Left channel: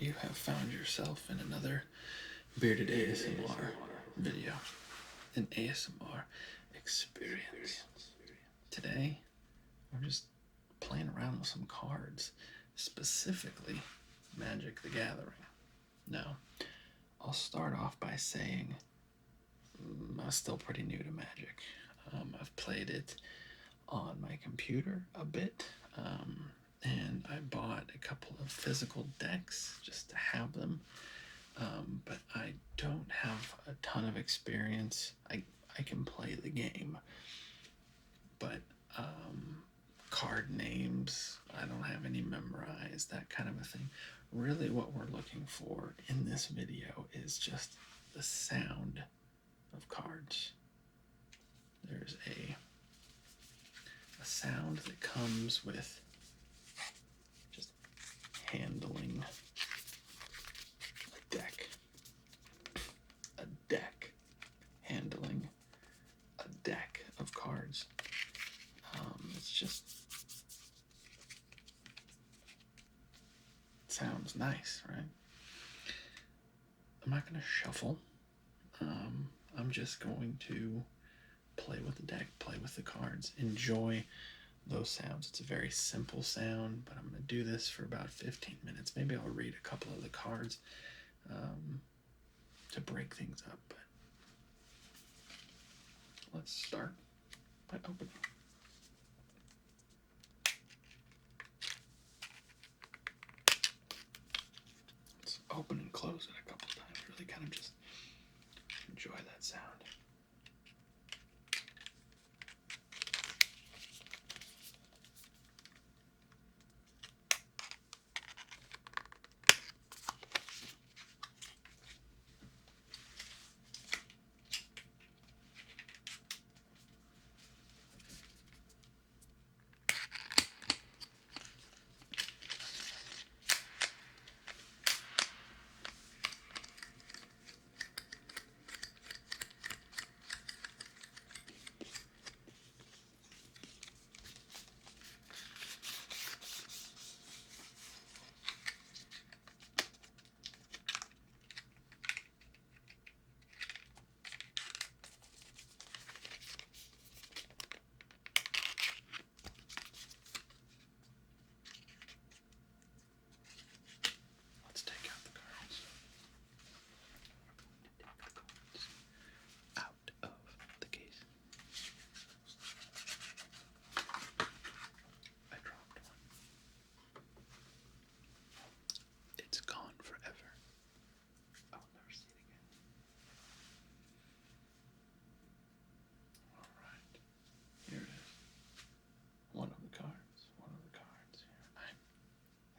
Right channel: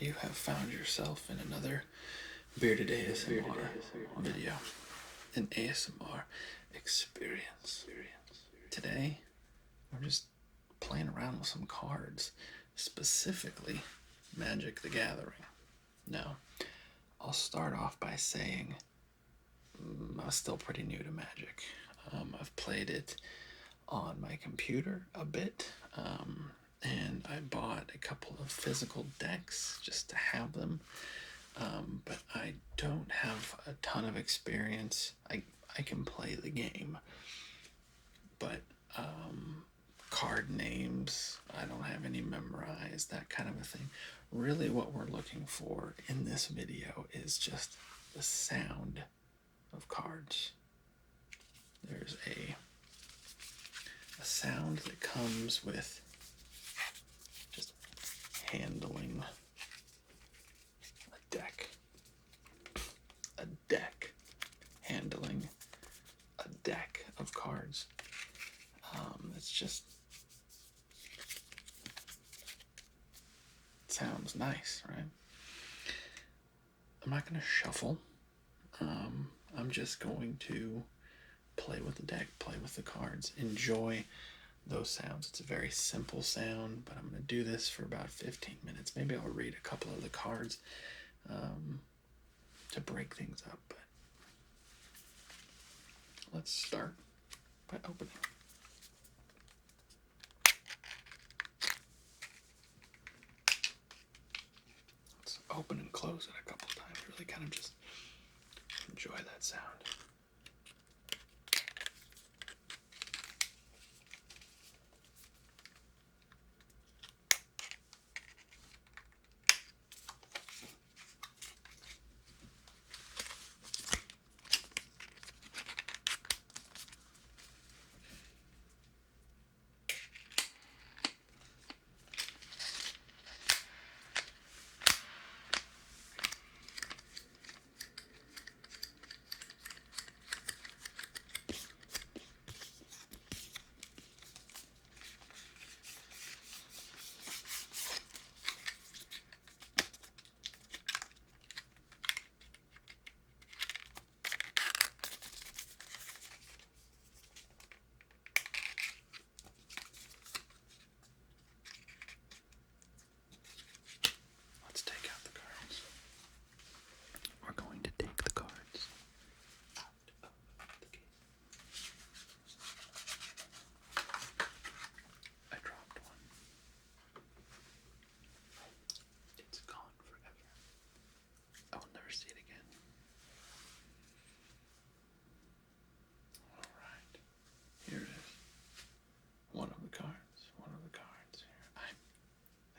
you have found yourself in another bearded ASMR video, an ASMR experience. Today, we're just playing around with some cards, specifically Magic the Gathering. Now, I'll start off by saying I'm still pretty new to Magic. I've played it on my computer a bit, and I bought a couple of physical decks just to have them, but I don't have a ton of experience. I can play the game, but card names, I don't have any memorized, that kind of a thing. Really what we're looking for in this video is just the sound of cards. There's a sound that comes with just handling a deck. A deck handling a deck of cards. It's just sounds nice, right? I'm not going to shuffle. I'm just going to play with the deck, play with the cards, enjoy those sounds. It's a very simple sound, but I'm going to do this for about 15 minutes. Maybe I'll read a couple of the cards to break things up, but let's start by opening. Let's open and close it a couple times, really kind of just enjoy that sound.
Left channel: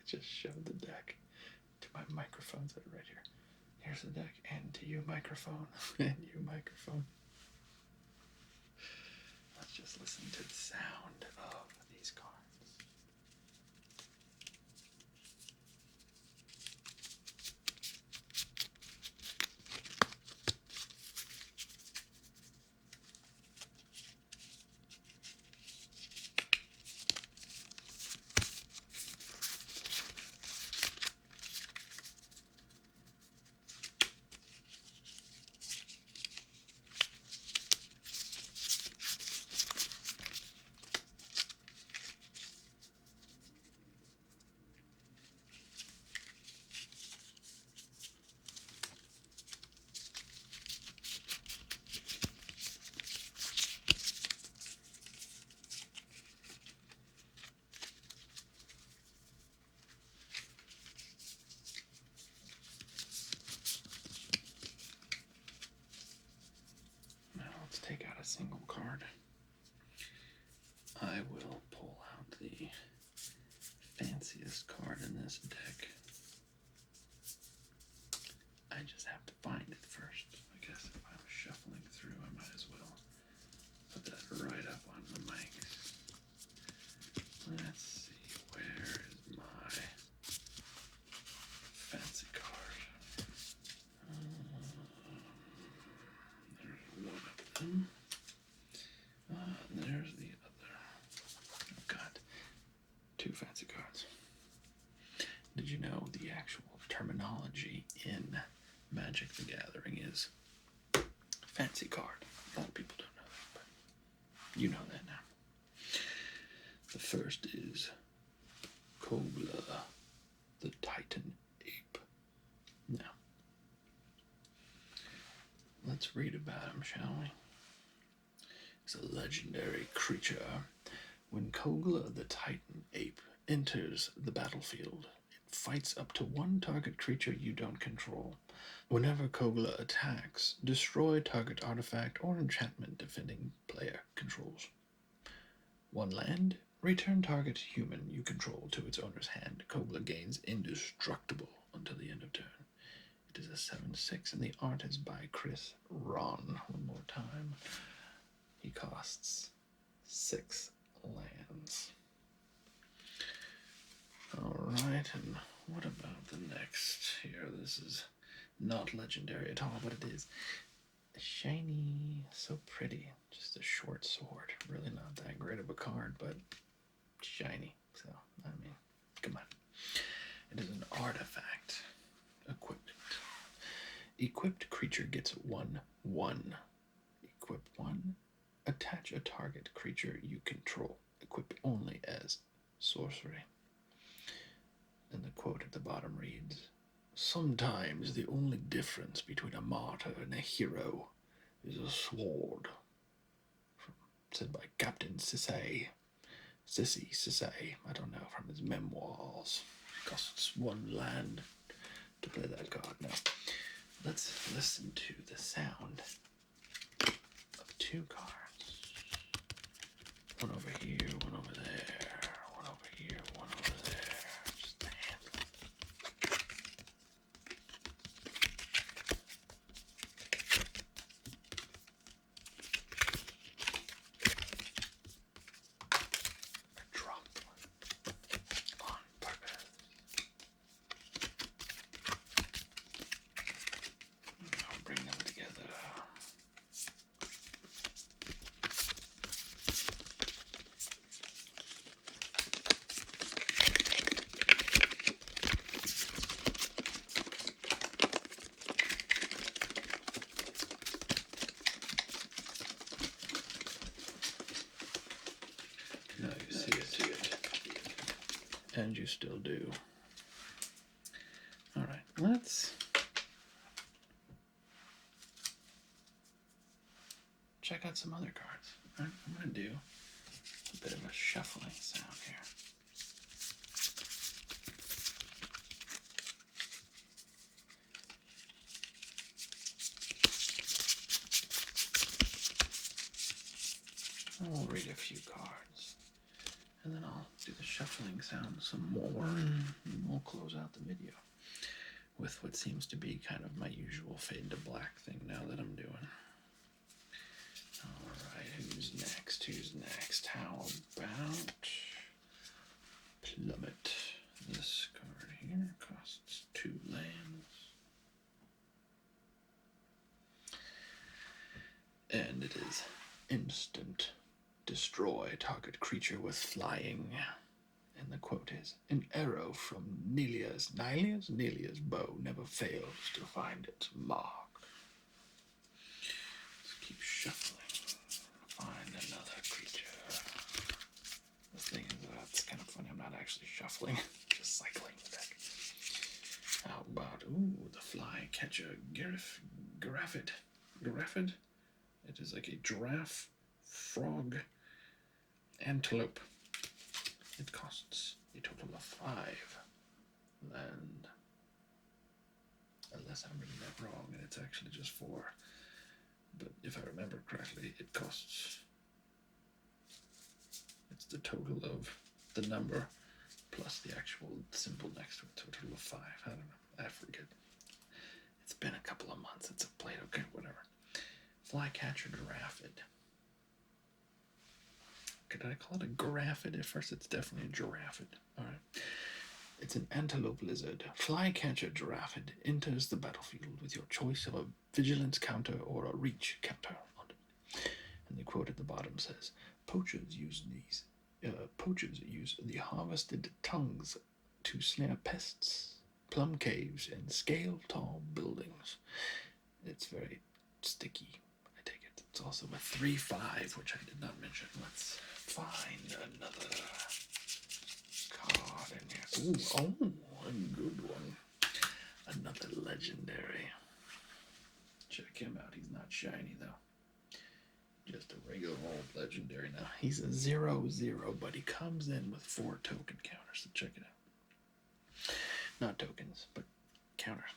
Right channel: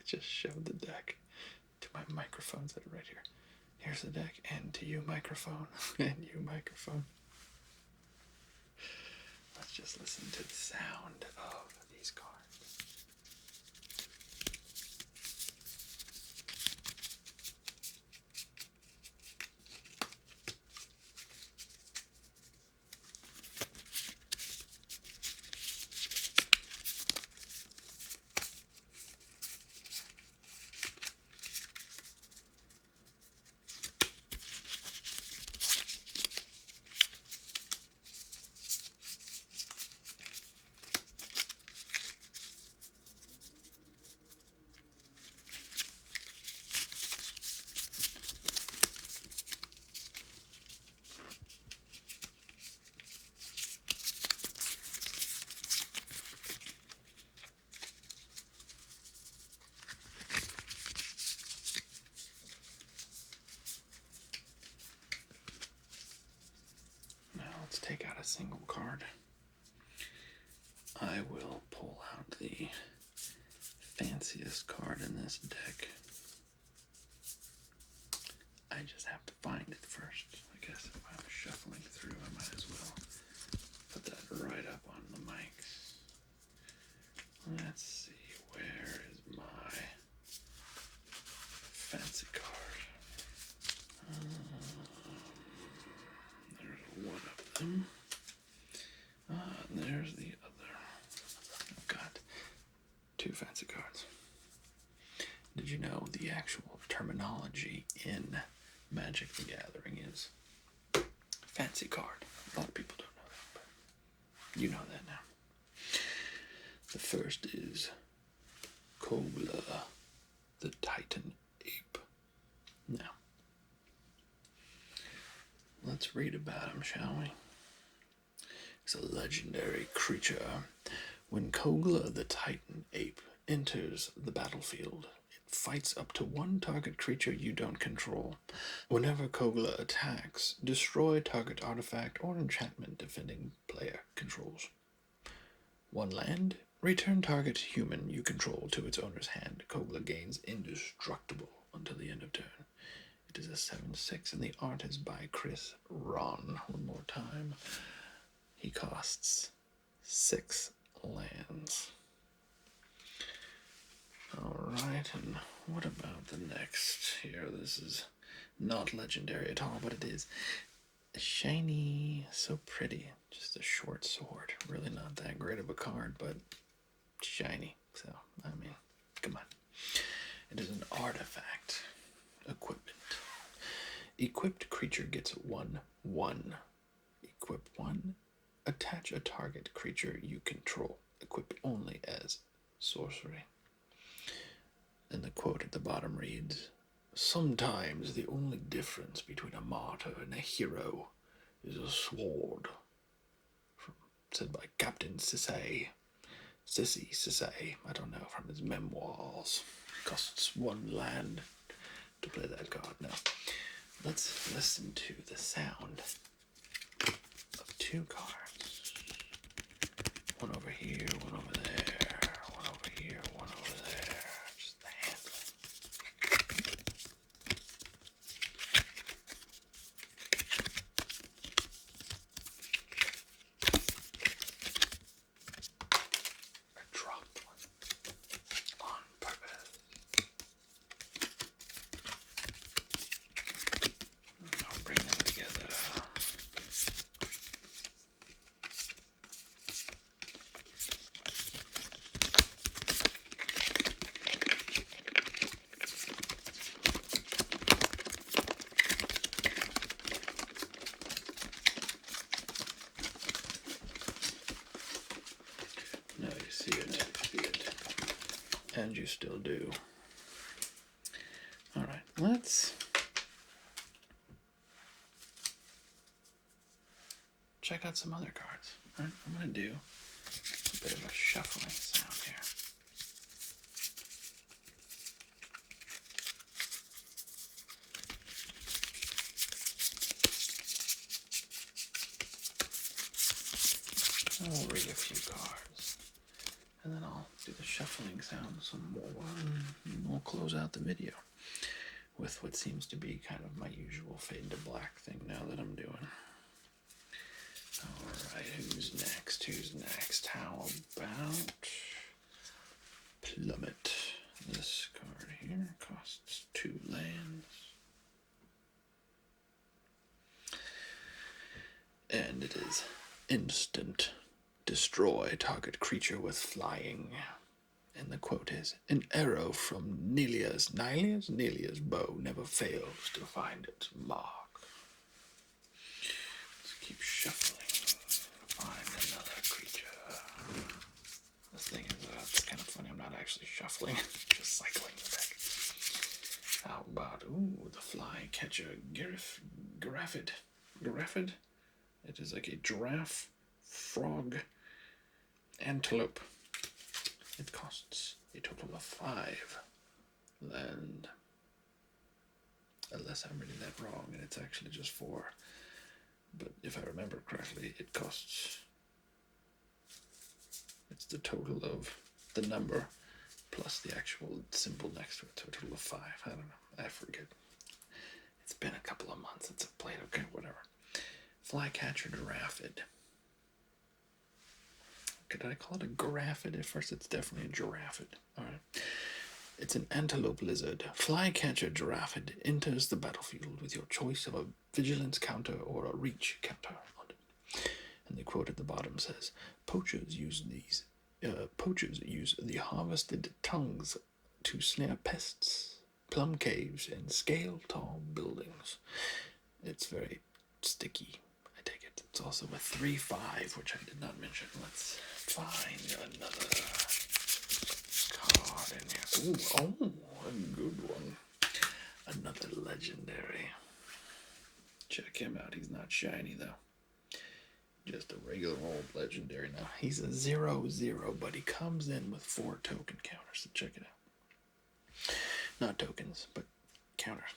Just shoved the deck to my microphones that are right here. Here's the deck, and to you, microphone, and you, microphone. Let's just listen to the sound of these cards. Let's take out a single card. I will pull out the fanciest card in this deck. I just have to find it first. I guess if I'm shuffling through, I might as well put that right up on the mics. Let's see, where is my fancy card? There's one of them. There's the other. I've got two fancy cards. Did you know the the actual terminology in Magic the Gathering is fancy card. A lot of people don't know that, but you know that now. The first is Kobler the Titan Ape. Now, let's read about him, shall we? He's a legendary creature. When Kogla the Titan Ape enters the battlefield, it fights up to one target creature you don't control. Whenever Kogla attacks, destroy target artifact or enchantment defending player controls. One land, return target human you control to its owner's hand. Kogla gains indestructible until the end of turn. It is a 7/6, and the art is by Chris Ron. One more time. He costs 6 lands. Alright, and what about the next here? This is not legendary at all, but it is shiny, so pretty. Just a short sword. Really not that great of a card, but shiny. So, I mean, come on. It is an artifact. Equipment. Equipped creature gets 1/1. Equip 1. Attach a target creature you control. Equip only as sorcery. And the quote at the bottom reads, "Sometimes the only difference between a martyr and a hero is a sword." Said by Captain Sissay. I don't know, from his memoirs. Costs 1 land to play that card. Now, let's listen to the sound of 2 cards. One over here, one over there, one over here, one over there. Just the handle. I dropped one on purpose. I'll bring them together. Now you see it. And you still do. Alright, let's check out some other cards. Alright, I'm going to do a bit of a shuffling sound here. I'll read a few cards, and then I'll do the shuffling sound some more, and we'll close out the video with what seems to be kind of my usual fade to black thing now that I'm doing. Alright, who's next? How about Plummet? This card here costs 2 lands. And it is instant. Destroy target creature with flying. And the quote is, "An arrow from Nelia's bow never fails to find its mark." Let's keep shuffling. Find another creature. The thing is, it's kind of funny, I'm not actually shuffling, just cycling the deck. How about, the flycatcher Giraffid. It is like a giraffe, frog, antelope. It costs a total of 5 land. Unless I'm reading that wrong and it's actually just 4. But if I remember correctly, it costs... It's the total of the number plus the actual symbol next to it. So a total of 5. I don't know. I forget. It's been a couple of months since I've played. Okay, whatever. Flycatcher Giraffid. Could I call it a Giraffid? At first, it's definitely a Giraffid. Alright. It's an antelope lizard. Flycatcher Giraffid enters the battlefield with your choice of a vigilance counter or a reach counter on it. And the quote at the bottom says, Poachers use the harvested tongues to snare pests plum caves, and scale-tall buildings. It's very sticky, I take it. It's also a 3/5, which I did not mention. Let's find another card in here. Ooh, a good one. Another legendary. Check him out. He's not shiny, though. Just a regular old legendary now. He's a 0/0, but he comes in with 4 token counters, so check it out. Not tokens, but counters.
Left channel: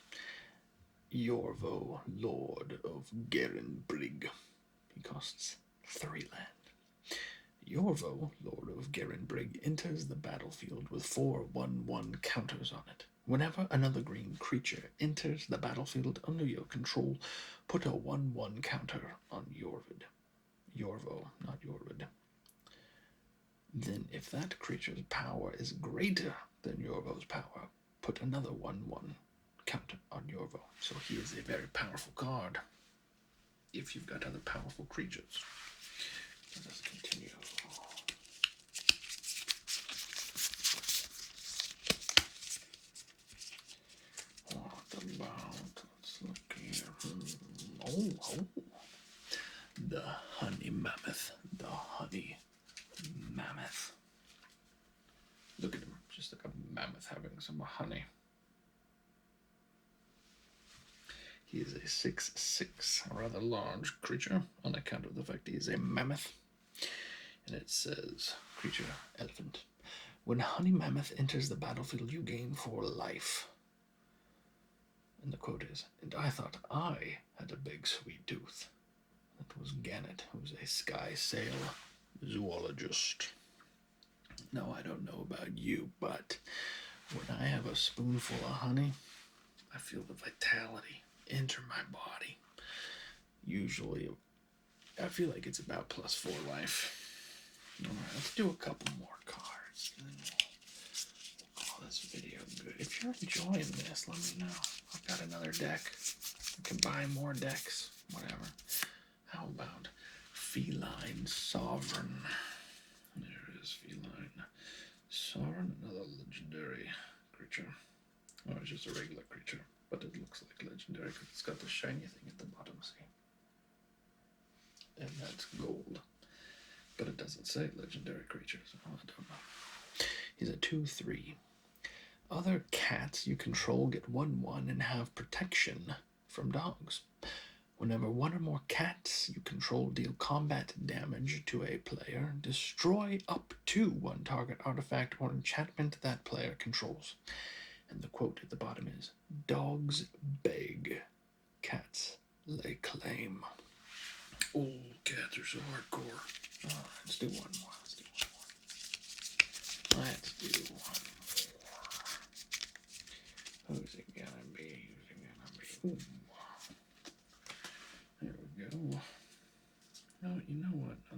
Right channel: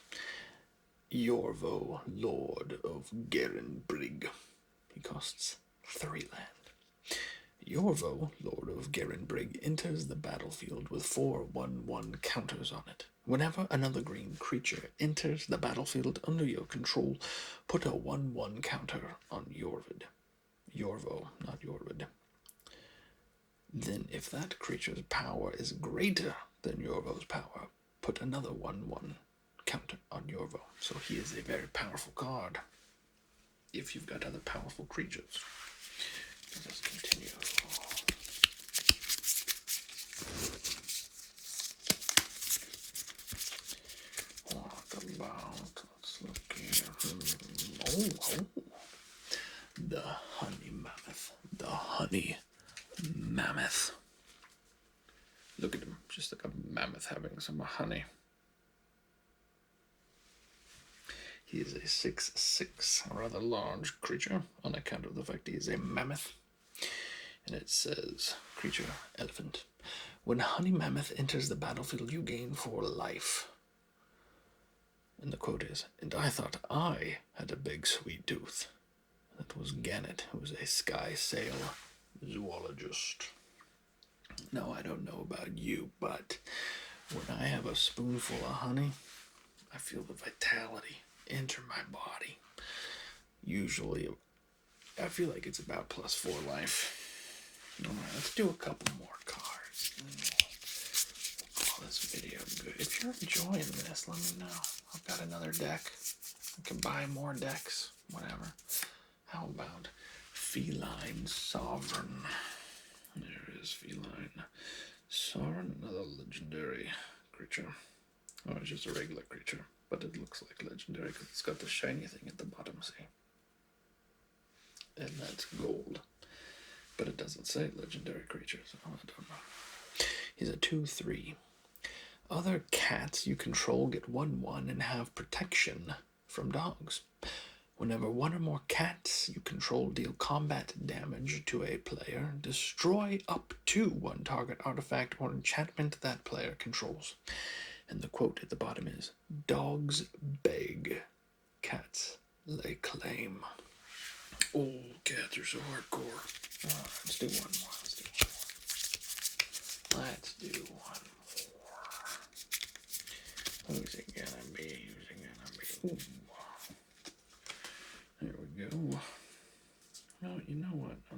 Yorvo, Lord of Gerenbrig. He costs 3 land. Yorvo, Lord of Gerenbrig, enters the battlefield with 4 1/1 counters on it. Whenever another green creature enters the battlefield under your control, put a 1/1 counter on Yorvo, not Yorvid. Then, if that creature's power is greater than Yorvo's power, put another 1/1 counter on Yorvo. So he is a very powerful card if you've got other powerful creatures. Let us continue. What about, let's look here. Oh. The honey mammoth. The honey mammoth. Look at him, just like a mammoth having some honey. He is a 6/6, a rather large creature on account of the fact he is a mammoth. And it says, creature, elephant. When honey mammoth enters the battlefield, you gain 4 life. And the quote is, and I thought I had a big sweet tooth. That was Gannet, who was a sky sail zoologist. Now, I don't know about you, but when I have a spoonful of honey, I feel the vitality enter my body. Usually, I feel like it's about +4 life. All right, let's do a couple more cards. We'll call this video good. If you're enjoying this, let me know. I've got another deck. I can buy more decks, whatever. How about Feline Sovereign? There is Feline Sovereign, another legendary creature. Oh, it's just a regular creature, but it looks like legendary because it's got the shiny thing at the bottom, see? And that's gold. But it doesn't say legendary creature, so I don't know. He's a 2/3. Other cats you control get 1/1 and have protection from dogs. Whenever 1 or more cats you control deal combat damage to a player, destroy up to 1 target artifact or enchantment that player controls. And the quote at the bottom is, dogs beg, cats lay claim. Oh, cats are so hardcore. All right, let's do one more. Who's it gonna be? Ooh. There we go. No, you know what? No,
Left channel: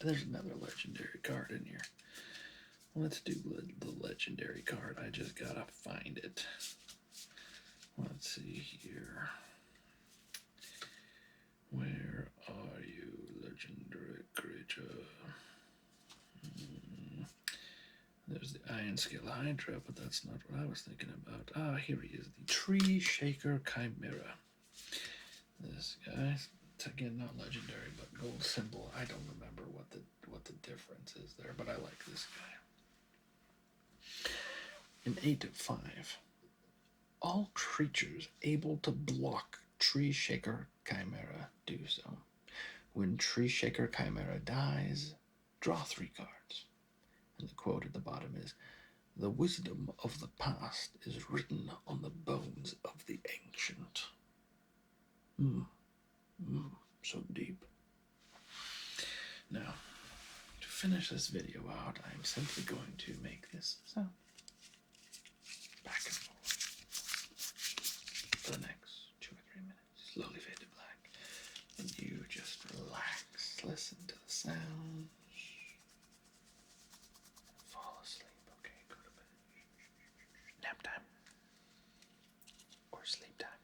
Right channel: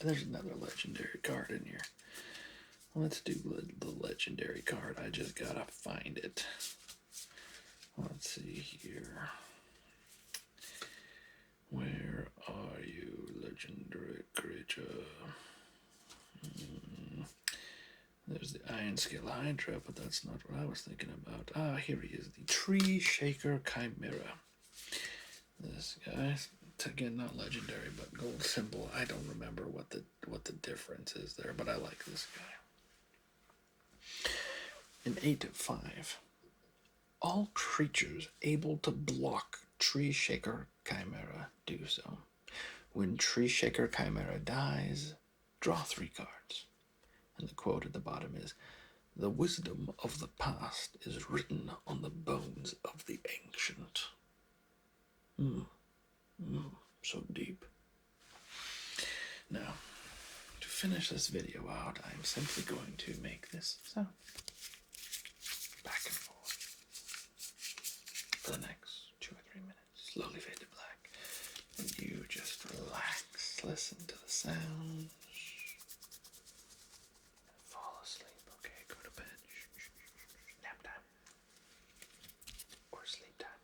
there's another legendary card in here. Let's do the legendary card. I just gotta find it. Let's see here. Where are you, legendary creature? There's the Iron Scale Hydra, but that's not what I was thinking about. Ah, here he is, the Tree Shaker Chimera. This guy, again, not legendary, but gold symbol. I don't remember what the difference is there, but I like this guy. An 8/5. All creatures able to block Tree Shaker Chimera do so. When Tree Shaker Chimera dies, draw 3 cards. And the quote at the bottom is, the wisdom of the past is written on the bones of the ancient. So deep. Now, to finish this video out, I'm simply going to make this sound. Back and forth. For the next 2 or 3 minutes. Slowly fade to black. And you just relax. Listen to the sounds. Fall asleep. Okay, go to bed. Nap time. Or sleep time.